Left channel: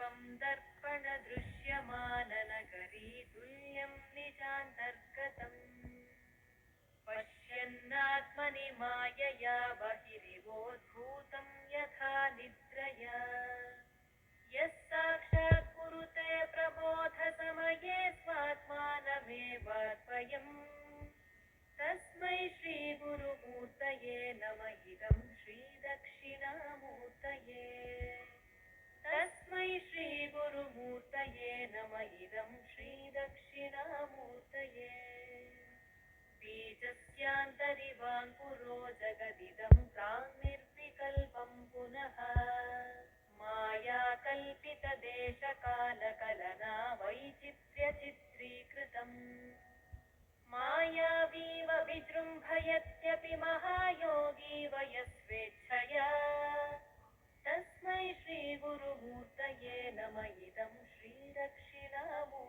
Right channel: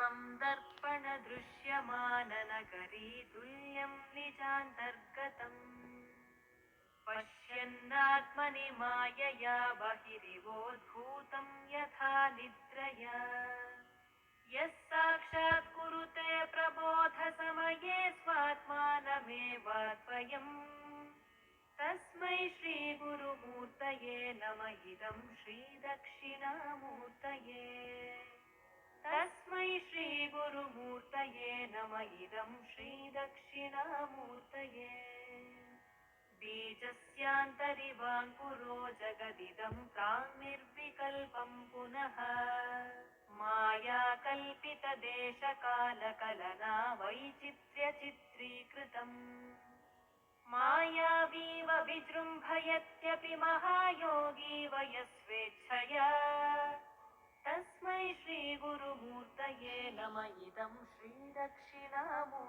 विश्वं दर्पणदृश्यमाननगरी तुल्यं निजान्तर्गतम् पश्यन्नात्मनि मायया बहिरिवोद्भूतं यथा निद्रया यः साक्षात् कुरुते प्रबोधसमये स्वात्मानमेवाद्वयम् तस्मै श्रीगुरुमूर्तये नम इदं श्रीदक्षिणामूर्तये तस्मै श्रीगुरुमूर्तये नम इदं श्रीदक्षिणामूर्तये बीजस्यान्तरिवाङ्कुरो जगदिदं प्राङ्निर्विकल्पं पुनः मायाकल्पितदेशकालकलना वैचित्र्यचित्रीकृतम् मायावीव विजृम्भयत्यपि महायोगी वयस्वेच्छया तस्मै श्रीगुरुमूर्तये नम इदं श्रीदक्षिणामूर्तये